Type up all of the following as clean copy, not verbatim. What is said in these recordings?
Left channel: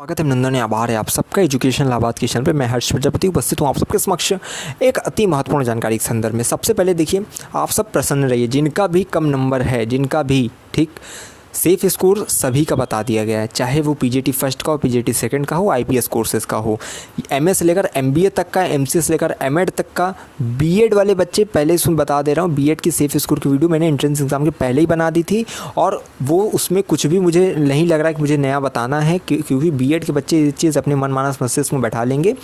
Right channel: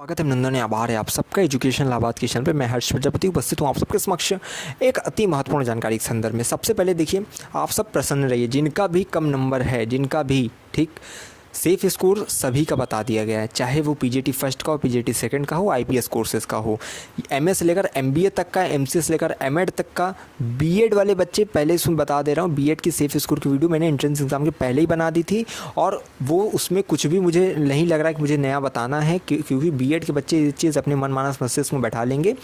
स्वागत है नंदन, आभार है आप सबका एजुकेशन लाभार्थ के चैनल पे। मैं हर्ष प्रजापति उपस्थित हूँ आप सबके समक्ष एक अति महत्वपूर्ण जानकारी के संदर्भ में। सबसे पहले देखिए, आप सब प्रसन्न रहिए, जिनका भी कम नंबर है, जिनका भी ठीक सेफ स्कोर सभी का बता दिया गया है, चाहे वो पीजीटी फर्स्ट का हो, पीजीटी सेकंड का हो, आईपीएस कोर्सेज का हो, एमए से लेकर एमबीए तक का, एमसीए से लेकर एमएड तक का, बीएड वाले बच्चे पहले सुन बता दे रहा हूँ, बीएड की सेफ स्कोर की वीडियो मैंने एंट्रेंस एग्जाम के पहले ही बना दी थी और वो उसमें कुछ भी मुझे नहीं लग रहा है कि मुझे नया बताना है, क्योंकि बीएड के बच्चे ये चीज़ अपने मन मानस मस्तिष्क में बैठा लेंगे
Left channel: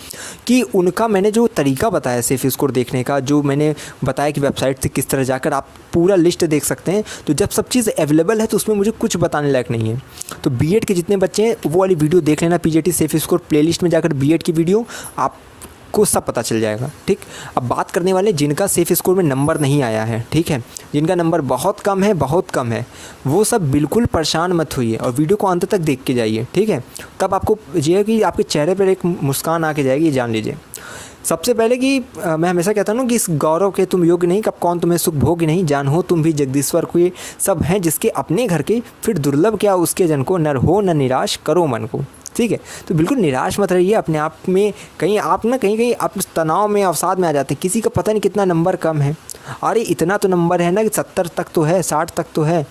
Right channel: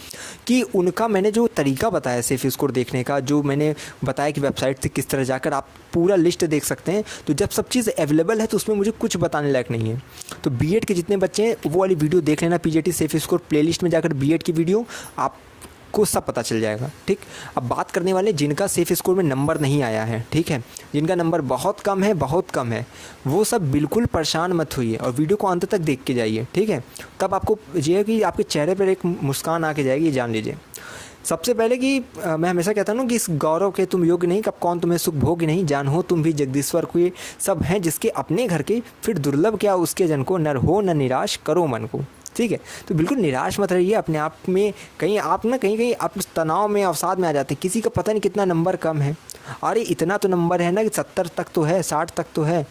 कि उनका मैंने जो तरीका बताया सेफ स्कोर देखने का, जो मैंने बताया कि वेबसाइट से किस तरह जाकर आप पूरा लिस्ट देख सकते हैं, तो जब सब चीज़ अवेलेबल है तो उसमें मुझे कुछ बताने लायक नहीं है। तो बीएड के जितने बच्चे हैं वो वाली वीडियो देख लेना, पीजीटी सेफ स्कोर प्लेलिस्ट में जाकर बीएड की वीडियो आपको सब पता चल जाएगा। ठीक, अब बात करने वाले जिनका सेफ स्कोर में नंबर नहीं आया है, ठीक है, जिनका नंबर बहुत कम है, बहुत कम है, वो सब बिल्कुल परेशान मत होइए और वीडियो को अंत तक देख के जाइए। ठीक है, तब आपको ये है कि आपके चेहरे पर एक मुस्कान आके जाएगी, ये जान लीजिए। सबसे पहले कि मैं हमेशा कहता हूँ कि इस गौरव के तुम योग्य नहीं, कब कौन तुम्हें सुख भोग नहीं, जान हो तुम भी जगदीश्वर को, ये सब हैं जिसके अपने घर के, फिर दुर्लभ क्या उसके जन को, नर हो न निराश करो मन को। ठीक है, तो बिल्कुल निराश मत रहिए अपने आप में। कहीं आप ना कहीं आप तनाव में, अवसाद में आ जाते हैं, किसी का पता नहीं कितना नंबर कम है, अरे इतना तो नंबर है ना कि 70 तक तो है, 60 तक तो है।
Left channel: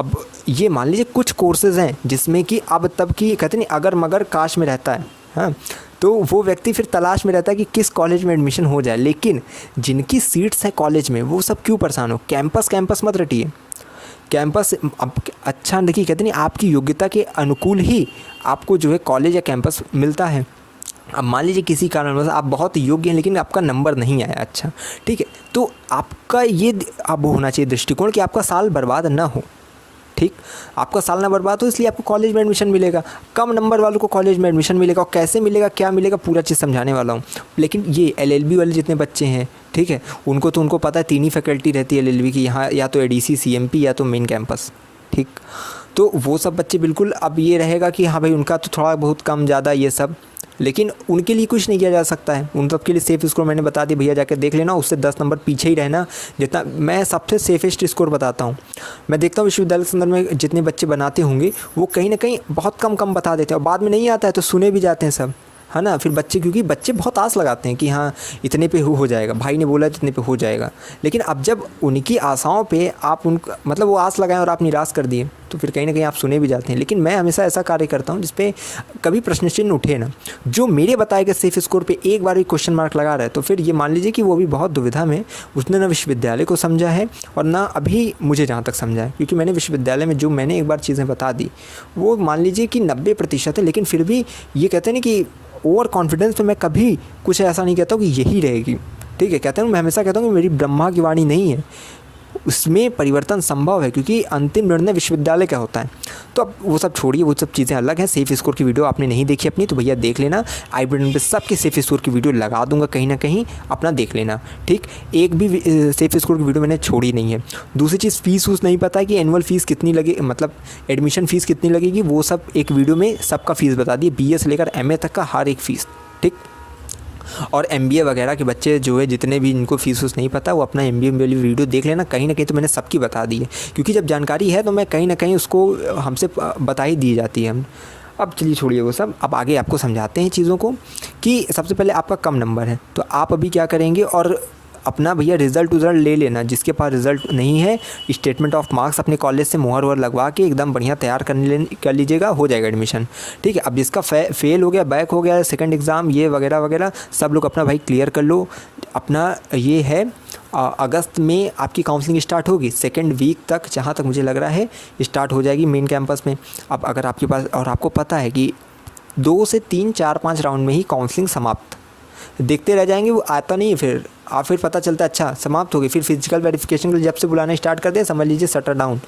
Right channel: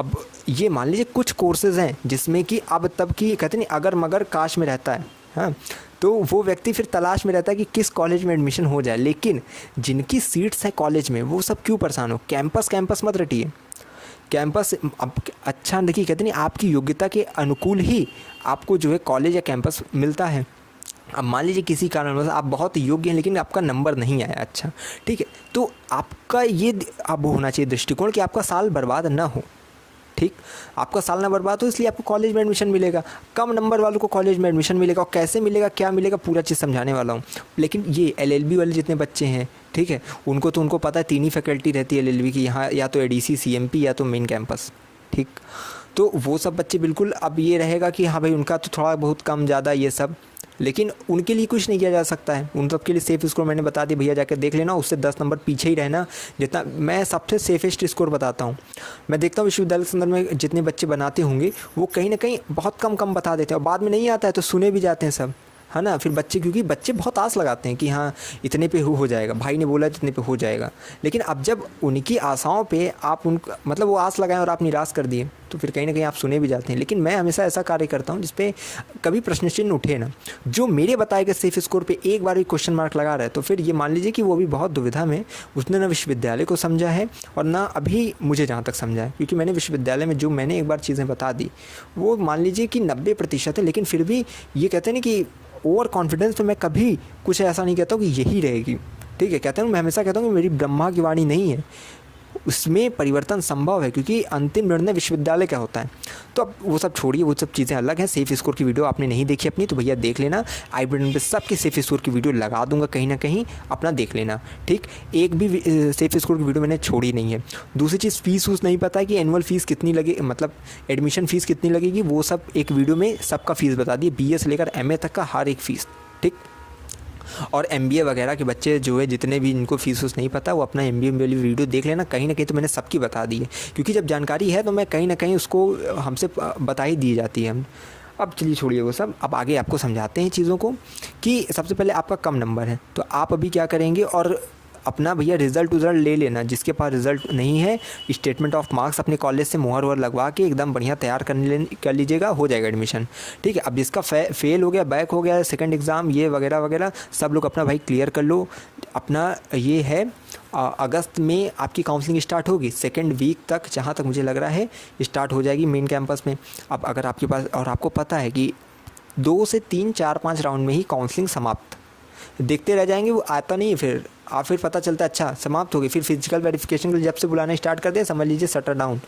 अब ये मान लीजिए कुछ कोर्सेज़ हैं जिसमें कि अब तब की कहते नहीं अगर मगर काश में रहता है, हाँ, तो वो व्यक्ति फिर तलाश में रहता है कि किस कॉलेज में एडमिशन हो जाए। लेकिन जिनकी सीट्स हैं कॉलेज में, वो सब क्यों परेशान हो। कैंपस मत रटिए, कैंपस अब अच्छा देखिए, कहते नहीं आपकी योग्यता के अनुकूल ही आपको जो है कॉलेज या कैंपस मिलता है। अब मान लीजिए किसी कारणवश आप बहुत योग्य हैं लेकिन आपका नंबर नहीं आया अच्छा, ठीक है, तो आपका ये अब होना चाहिए दृष्टिकोण कि आपका साल बर्बाद ना हो। ठीक, आपका साल ना बर्बाद हो, इसलिए आपको कॉलेज में एडमिशन मिलेगा। कम नंबर वालों को कॉलेज में एडमिशन मिलेगा, और कैसे मिलेगा, क्या मिलेगा, पूरा चीज़ समझाने वाला हूँ। लेकिन ये एलएलबी वाले जितने बच्चे हैं, ठीक है, उनको पता है 3 ही फैकल्टी रहती है एलएलबी की, यहाँ या तो एडीसी, सीएमपी या तो मेन कैंपस। ठीक, तो वो सब बच्चे बिल्कुल अब ये रहेगा कि हाँ भाई उनका तो थोड़ा बहुत कम ज़्यादा ये सब, लेकिन उनके लिए कुछ नहीं किया जा सकता है। उन सबके लिए सेफ स्कोर मैंने बता दिया, भैया जाकर देख लेना, उससे 10 नंबर पीछे ही रहना। जितना मैं सबसे सेफेस्ट स्कोर बताता हूँ, मैं देखता हूँ विश्वविद्यालय के संदर्भ में जितने बच्चे बनाते होंगे वो कहीं ना कहीं बहुत कम बता देते हैं और बाद में नहीं आता है तो सुने भी जाते हैं सब, है ना। फिर बच्चे, क्योंकि बच्चे बहुत आस लगाते हैं कि हाँ इतने पे हो जाएगा, भाई ने बोला इतने पे हो जाएगा, लेकिन अब जब उनकी आशाओं पे आप उनका मतलब वो आस लगाएं और आप निराश कर दिए तो फिर कहीं ना कहीं आप सुने भी जाते हैं। लेकिन मैं हमेशा ऐसा कार्य करता हूँ जिसपे कभी प्रश्न चिन्ह उठे ना। जो मेरे बताए गए सेफ स्कोर पे एक बार भी क्वेश्चन मार्क लगा रहा है तो फिर ये मान लीजिए कि वो भी बहुत दुविधा में, उसने ना विश्वविद्यालय को समझा है और ना अभी मुझे जहाँ तक समझा है, क्योंकि मैंने विश्वविद्यालय में जो मैंने एक बार चीज़ें बता दी वो मान लीजिए कि 90% है। लेकिन फिर भी ये कहते हैं ना कि ओवर कॉन्फिडेंस तो मैं कभी कुछ ऐसा नहीं कहता हूँ कि यही रहेगी। ठीक है, कहता हूँ मैं हमेशा कहता हूँ कि मेरी ब्रह्मा की वाणी नहीं है, उसमें परिवर्तन संभव है, क्योंकि अंतिम निर्णय विश्वविद्यालय का होता है। तो अब वो सब छोड़िए, वो सब चीज़ें अलग हैं। सेफ स्कोर की वीडियो आपने नहीं देखी अपनी तो भैया देख लेना, आई बटन पे सबके सेफ स्कोर की वीडियो लगा दूंगा, कहीं ना कहीं अपना देख लेना। ठीक, एक भी सेफ स्कोर की वीडियो मैंने छोड़ी नहीं है। दूसरी चीज़, फीस नहीं पता है कि एनुअल फीस कितनी लगे, मतलब एडमिशन फ़ीस कितनी लगेगी, वो सब एक वीडियो में सबका फ़ीस बता दिए, BA से लेकर MA तक का हर एक फ़ीस। ठीक, और MBA वगैरह के बच्चे जो है जितने भी इनको फीस नहीं पता वो अपना MBA वाली वीडियो देख लेना, कहीं ना कहीं तो मैंने सबकी बता दी है, क्योंकि जब जानकारी है तो मैं कहीं ना कहीं उसको हमसे बता ही दी जाती है। अब चलिए छोड़िए वो सब, अब आगे आपको समझाते हैं चीज़ों को कि सबसे पहले आपका कम नंबर है तो आप अभी क्या करेंगे और अपना भैया रिज़ल्ट ले लेना। जिसके पास रिज़ल्ट नहीं है, स्टेटमेंट ऑफ मार्क्स अपने कॉलेज से मोहर लगवा के एकदम बढ़िया तैयार कर लीजिएगा, हो जाएगा एडमिशन। ठीक है, अब जिसका फेल हो गया, बैक हो गया, सेकंड एग्ज़ाम ये वगैरह वगैरह सब लोग अपना भाई क्लियर कर लो। अपना ये है अगस्त में आपकी काउंसलिंग स्टार्ट होगी, सेकेंड वीक तक जहाँ तक मुझे लग रहा है स्टार्ट हो जाएगी मेन कैंपस में। अब अगर आपके पास, और आपको पता है कि 2 से 3, 4, 5 राउंड में ही काउंसलिंग समाप्त, देखते रह जाएंगे, वो आता नहीं है फिर फिर पता चलता है अच्छा समाप्त हो गई। फिर फिजिकल वेरिफिकेशन के लिए जब से बुलाना स्टार्ट कर दे समझ लीजिए शटर डाउन।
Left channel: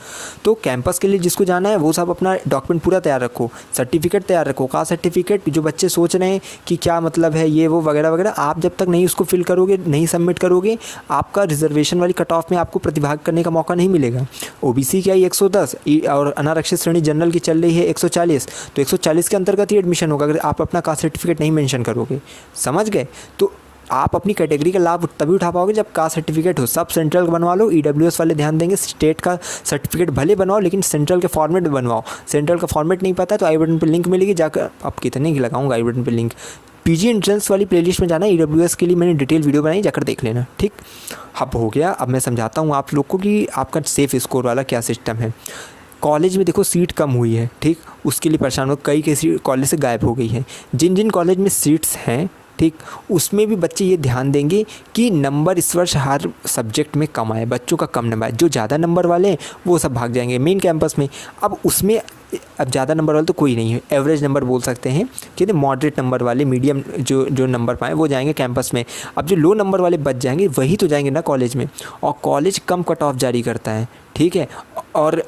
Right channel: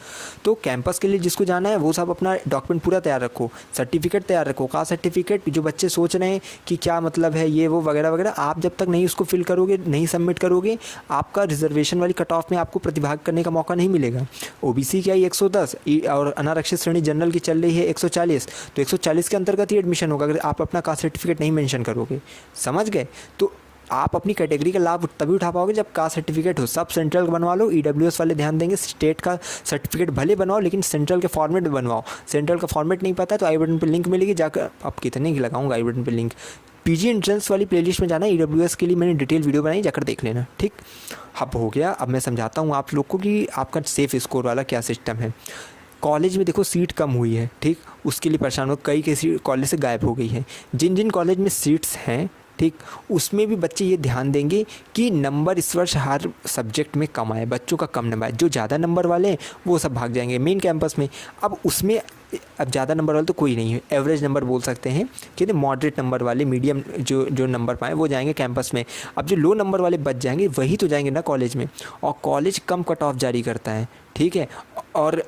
तो कैंपस के लिए जिसको जाना है वो सब अपना डॉक्यूमेंट पूरा तैयार रखो, सर्टिफिकेट तैयार रखो। का सर्टिफिकेट, जो बच्चे सोच रहे हैं कि क्या मतलब है ये वो वगैरह वगैरह, आप जब तक नहीं उसको फिल करोगे, नहीं सबमिट करोगे, आपका रिजर्वेशन वाली कट ऑफ में आपको प्रतिभाग करने का मौका नहीं मिलेगा। OBC की आई 110 और अनारक्षित श्रेणी जनरल की चल रही है 140, तो 140 के अंतर्गत ही एडमिशन होगा अगर आप अपना कास्ट सर्टिफिकेट नहीं मेंशन करोगे। समझ गए? तो आप अपनी कैटेगरी का लाभ तभी उठा पाओगे जब कास्ट सर्टिफिकेट हो। सब सेंट्रल का बनवा लो, ईडब्ल्यूएस वाले ध्यान देंगे स्टेट का सर्टिफिकेट भले बनवाओ लेकिन सेंट्रल के फॉर्मेट में बनवाओ। सेंट्रल का फॉर्मेट नहीं पता तो आई बटन पर लिंक मिलेगी, जाकर आप कितने की लगाऊंगा आई बटन पर लिंक। पीजी एंट्रेंस वाली प्लेलिस्ट में जाना, ईडब्ल्यूएस के लिए मैंने डिटेल वीडियो बनाई, जाकर देख लेना, ठीक। अब हो गया, अब मैं समझाता हूँ आप लोग को कि आपका सेफ स्कोर वाला क्या सिस्टम है। कॉलेज में देखो सीट कम हुई है, ठीक, उसके लिए परेशान हो, कई सीट कॉलेज से गायब हो गई है। जिन जिन कॉलेज में सीट्स हैं, ठीक, उसमें भी बच्चे ये ध्यान देंगे कि नंबर इस वर्ष हर सब्जेक्ट में कम आए, बच्चों का कम नंबर आए। जो ज़्यादा नंबर वाले हैं वो सब भाग जाएंगे मेन कैंपस में। अब उसमें अब ज़्यादा नंबर वाले तो कोई नहीं है, एवरेज नंबर बोल सकते हैं कि मॉडरेट नंबर वाले, मीडियम जो नंबर पाए वो जाएंगे कैंपस में। अब जो लो नंबर वाले बच जाएंगे वही तो जाएंगे ना कॉलेज में, और कॉलेज कम कट ऑफ जारी करता है, ठीक है। और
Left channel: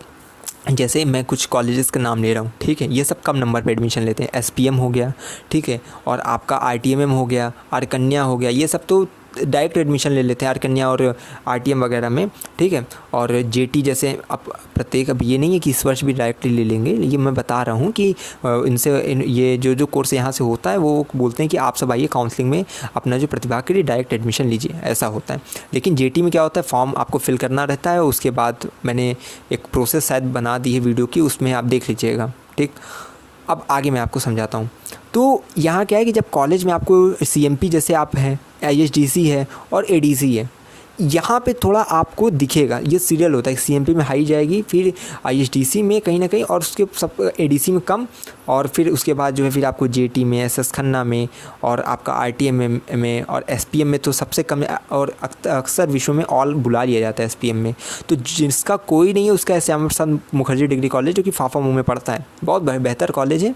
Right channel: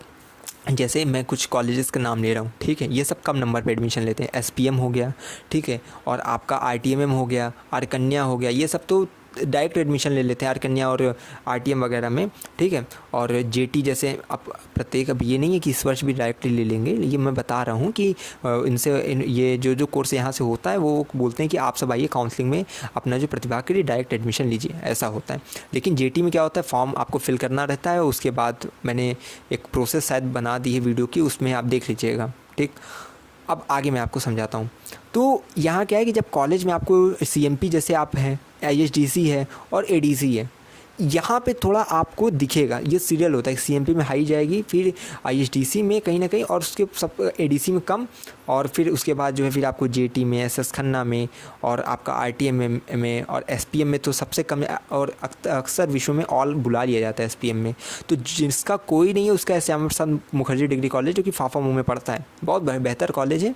जैसे मैं कुछ कॉलेजेस का नाम ले रहा हूँ, ठीक है, ये सब कम नंबर पे एडमिशन लेते हैं। एसपीएम हो गया, ठीक है, और आपका आरटीएमएम हो गया, आरकन्या हो गया, ये सब तो डायरेक्ट एडमिशन ले लेते हैं आरकन्या और आरटीएम वगैरह में, ठीक है। और जेटी जैसे अब प्रत्येक, अब ये नहीं है कि इस वर्ष भी डायरेक्टली ले लेंगे, ये मैं बता रहा हूँ कि ये जो कोर्स यहाँ से होता है वो बोलते हैं कि आप सब आइए काउंसलिंग में अपना जो प्रतिभा के लिए डायरेक्ट एडमिशन लीजिए, ऐसा होता है। लेकिन जेटी में क्या होता है, फॉर्म आपको फिल करना रहता है, उसके बाद मैंने एक प्रोसेस शायद बना दी है वीडियो की, उसमें आप देख लीजिएगा, ठीक। अब आगे मैं आपको समझाता हूँ। तो यहाँ क्या है कि जब कॉलेज में आपको सीएमपी जैसे आप हैं, आईएसडीसी है और एडीसी है, यहाँ पे थोड़ा आपको दिखेगा, ये सीरियल होता है, सीएमपी में हाई जाएगी, फिर आईएसडीसी में कहीं ना कहीं, और उसके सब एडीसी में कम, और फिर उसके बाद जो है फिर आपको जेटी में, एसएस खन्ना में, और आपका आरटीएम में और एसपीएम में तो सबसे कम है, और अक्सर विषयों में ऑल बुला लिया जाता है एसपीएम में। तो जिसका कोई नहीं है उसका श्यामा प्रसाद मुखर्जी डिग्री कॉलेज, जो कि फाफा मुँह में पड़ता है, बहुत बेहतर कॉलेज है।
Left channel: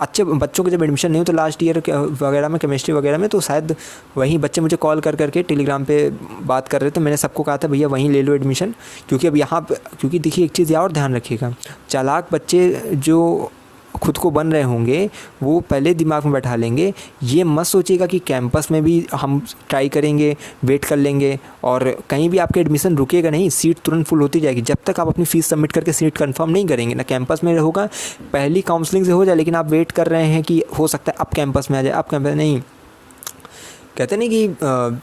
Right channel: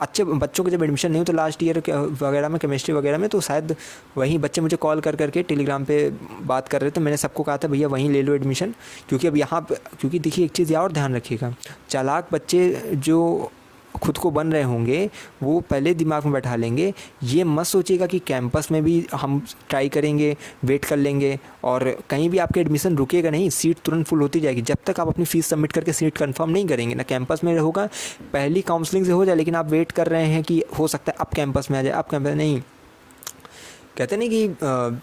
अच्छे बच्चों के जब एडमिशन नहीं हो तो लास्ट ईयर वगैरह में केमिस्ट्री वगैरह में, तो शायद वहीं बच्चे मुझे कॉल कर करके टेलीग्राम पे बात कर रहे थे। मैंने सबको कहा था भैया वहीं ले लो एडमिशन, क्योंकि अब यहाँ क्योंकि देखिए एक चीज़ और ध्यान रखिएगा, चालाक बच्चे जो खुद को बन रहे होंगे वो पहले दिमाग में बैठा लेंगे, ये मत सोचिएगा कि कैंपस में भी हम ट्राई करेंगे, वेट कर लेंगे और कहीं भी आपका एडमिशन रुकेगा नहीं, सीट तुरंत फुल होती जाएगी। जब तक आप अपनी फ़ीस सबमिट करके सीट कंफर्म नहीं करेंगे ना, कैंपस में होगा, पहली काउंसलिंग से हो जाए, लेकिन आप वेट कर रहे हैं कि हो सकता है अब कैंपस में आ जाए, अब कैंपस नहीं, कहते नहीं कि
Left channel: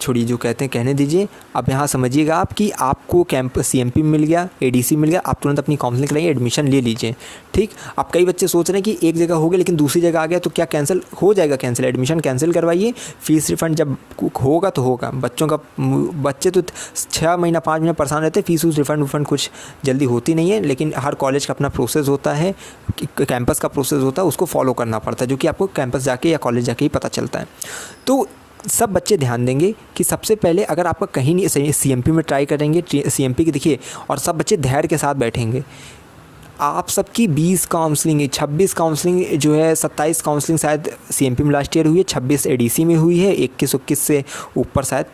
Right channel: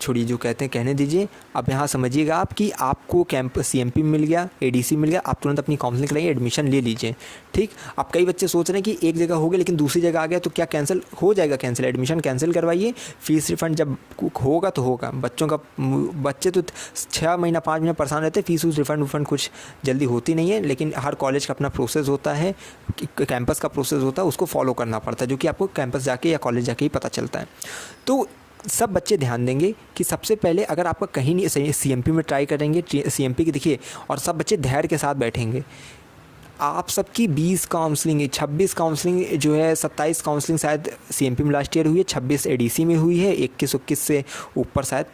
छोड़िए जो कहते हैं कहने दीजिए। अब यहाँ समझिएगा आप कि आपको कैंपस सीएमपी मिल गया, एडीसी मिल गया, आप तुरंत अपनी काउंसलिंग कराइए, एडमिशन ले लीजिए, ठीक। अब कई बच्चे सोच रहे हैं कि एक जगह हो गया लेकिन दूसरी जगह आ गया तो क्या कैंसिल हो जाएगा, कैंसिल, एडमिशन कैंसिल करवाइए, फीस रिफंड जब होगा तो होगा। बच्चे तो 6 महीना 5 महीना परेशान रहते हैं, फीस रिफंड कुछ जल्दी होती नहीं है, लेकिन हर कॉलेज का अपना प्रोसेस होता है, कैंपस का प्रोसेस होता है, उसको फॉलो करना पड़ता है, जो कि आपको कैंपस जाके या कॉलेज जाके ही पता चलता है। तो सब बच्चे ध्यान देंगे कि सबसे पहले अगर आपका कहीं नहीं सही, सीएमपी में ट्राई करेंगे, सीएमपी के देखिए, और सब बच्चे धैर्य के साथ बैठेंगे। आप सबकी 20 काउंसलिंग, 26 काउंसलिंग जो है, 27 काउंसलिंग शायद सीएमपी में लास्ट ईयर हुई है, 26 एडीसी में हुई है, 21 से ऊपर शायद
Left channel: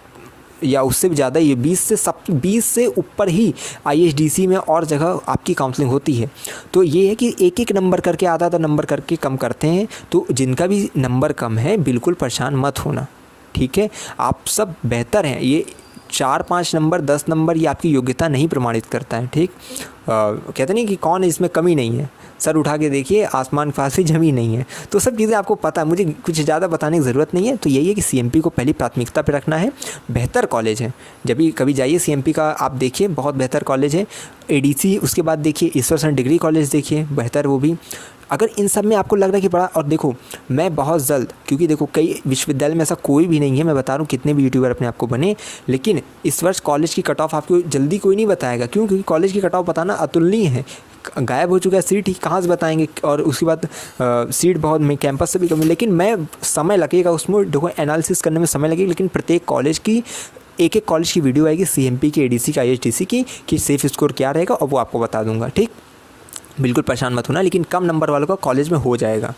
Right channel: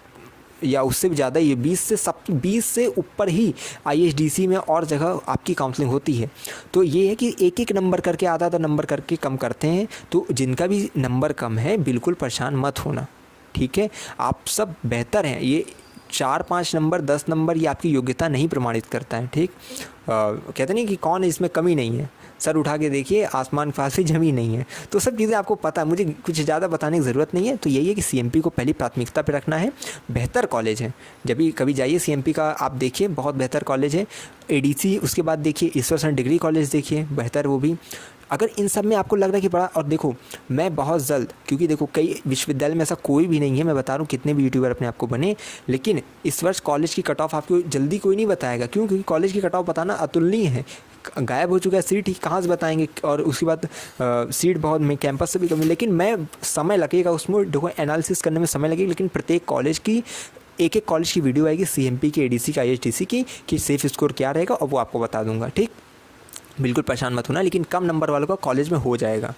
या उससे भी ज़्यादा, ये 20 से ऊपर ही आईएसडीसी में और जगह आपकी काउंसलिंग होती है। तो ये है कि एक एक नंबर करके, आधा नंबर करके कम करते हैं। तो जिनका भी नंबर कम है बिल्कुल परेशान मत होना, ठीक है। आप सब बेहतर हैं, ये 4-5 नंबर 10 नंबर ये आपकी योग्यता नहीं प्रमाणित करता है, ठीक। कहते नहीं कि कौन इसमें कमी नहीं है, सर उठा के देखिए आसमान के पास भी ज़मीन नहीं है। तो सब चीज़ें आपको पता है, मुझे कुछ ज़्यादा बताने की ज़रूरत नहीं है। तो यही है कि सीएमपी को पहली प्राथमिकता पे रखना है, बेहतर कॉलेज है, जब भी कभी जाइए सीएमपी का आप देखिए, बहुत बेहतर कॉलेज है। एडीसी उसके बाद देखिए ईश्वर डिग्री कॉलेज देखिए, बेहतर वो भी। अगर इन सब में आपको लग रहा है कि बड़ा, और देखो मैं बहुत जल्द, क्योंकि देखो कई विश्वविद्यालय में ऐसा कोई भी नहीं है, मैं बता रहा हूँ कितने भी यूट्यूबर अपने आप को बने, लेकिन इस वर्ष कॉलेज की कट ऑफ आपको जल्दी कोई नहीं बताएगा, क्यों, क्योंकि कॉलेज की कट ऑफ बताना अतुलनीय है, गायब हो चुका है, सीट ही कहाँ से बताएंगे, और उसके बाद सीट बहुत में कैंपस से भी कमी, लेकिन मैं समय लगेगा उसमें, देखो एनालिसिस करने में समय लगेगा, लेकिन प्रत्येक कॉलेज की एक कॉलेज की वीडियो आएगी, सीएमपी की, एडीसी की, आईएसडीसी की, कि सेफ स्कोर क्या रहेगा, और वो आपको बता दूंगा, ठीक। बिल्कुल परेशान मत होना, लेकिन कम नंबर वालों का कॉलेज में हो जाएगा।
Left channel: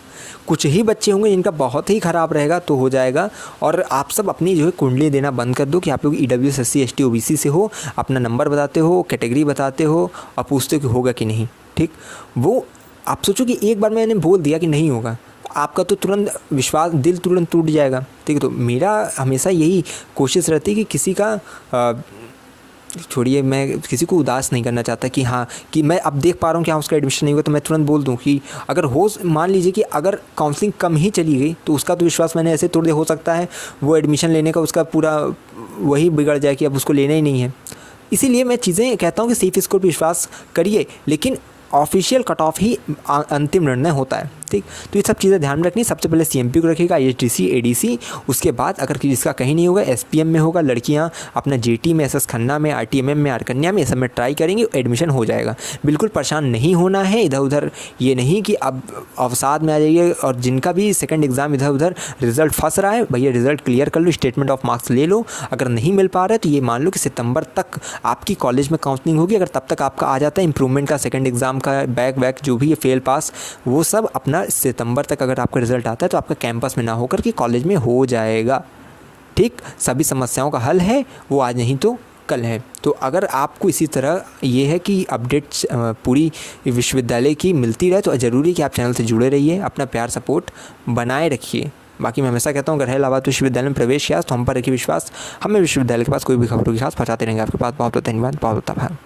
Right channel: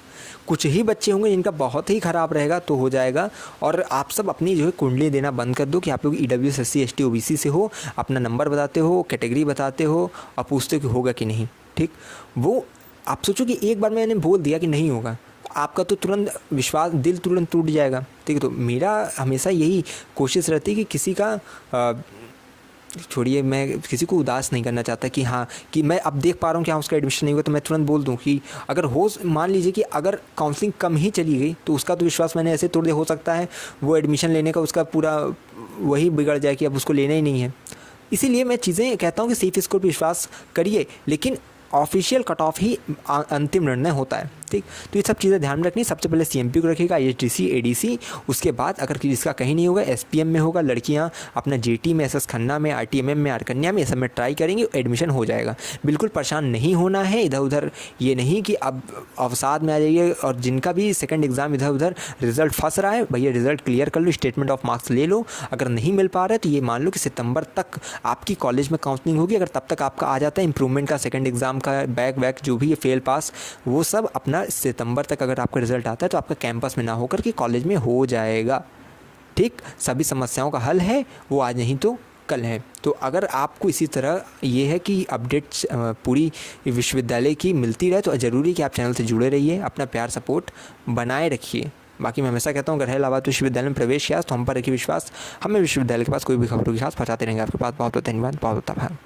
कुछ ही बच्चे होंगे जिनका बहुत ही ख़राब रहेगा तो हो जाएगा। और आप सब अपनी जो है कुंडली देना बंद कर दो कि आप लोग ईडब्ल्यूएस, एससी, एसटी, ओबीसी से हो, अपना नंबर बताते हो, कैटेगरी बताते हो और पूछते हो कि होगा कि नहीं, ठीक। वो आप सोचो कि एक बार मैंने बोल दिया कि नहीं होगा, आपका तो तुरंत विश्वास, दिल तुरंत टूट जाएगा, ठीक है। तो मेरा हमेशा यही कोशिश रहती है कि किसी का छोड़िए, मैं किसी को उदास नहीं करना चाहता कि हाँ कि मैं अब देख पा रहा हूँ कि हाँ उसका एडमिशन नहीं हुआ तो मैं तुरंत बोल दूँ कि अगर हो, मान लीजिए कि अगर काउंसलिंग कम ही चली गई तो उसका तो विश्वास मैंने ऐसे तोड़ दिया, हो सकता है वो एडमिशन लेने का उसका पूरा वही बिगड़ जाए कि अब उसको लेना ही नहीं है। इसीलिए मैं चीज़ें कहता हूँ कि सेफ स्कोर पर विश्वास करिए, लेकिन ऑफिशियल कट ऑफ ही अंतिम निर्णय होता है, ठीक। तो ये सब चीज़ें ध्यान में रखनी। सबसे पहले सीएमपी को रखिएगा, आईएचडीसी, एडीसी, उसके बाद अगर जिसका कहीं नहीं होगा एसपीएम में होगा, लड़कियां अपना जेटी में, एसएस खन्ना में, आरटीएमएम में, आरकन्या में, ये सब में ट्राई करेंगे, एडमिशन हो जाएगा। बिल्कुल परेशान नहीं होना है इधर उधर, ये नहीं कि अब अवसाद में आ जाइए। और जिनका भी सेकंड एग्ज़ाम इधर उधर रिजल्ट फंस रहा है, भैया रिजल्ट क्लियर कर लो, स्टेटमेंट ऑफ मार्क्स ले लो। अगर नहीं मिल पा रहा है तो ये मान लो कि सितंबर तक आपकी कॉलेज में काउंसलिंग होगी। अगर तब तक आपका आ जाता है इंप्रूवमेंट का, सेकंड एग्ज़ाम का, बैक वैक जो भी है, फेल पास, वो सब अपना सितंबर तक अगर आपका रिजल्ट आता है तो आपका कैंपस में ना होकर के कॉलेज में हो जाएगा, ठीक। सभी समस्याओं का हल है, वो आज नहीं तो कल है। तो अगर आपको इसी तरह ये है कि अपडेट्स पूरी विश्वविद्यालय की मिलती रहे तो ज़रूरी कि आप चैनल से जुड़े रहिए, अपना प्यार सपोर्ट बनाए रखिए। बाकी मैं हमेशा कहता हूँ अगर है इलाहाबाद विश्वविद्यालय में प्रवेश किया तो हम पर रखिए विश्वास, हमें विश्वविद्यालय के पास कोई भी खबर होगी खास पहुँचाते रहेंगे आपके पास। बहुत बहुत धन्यवाद, बहुत बहुत आभार।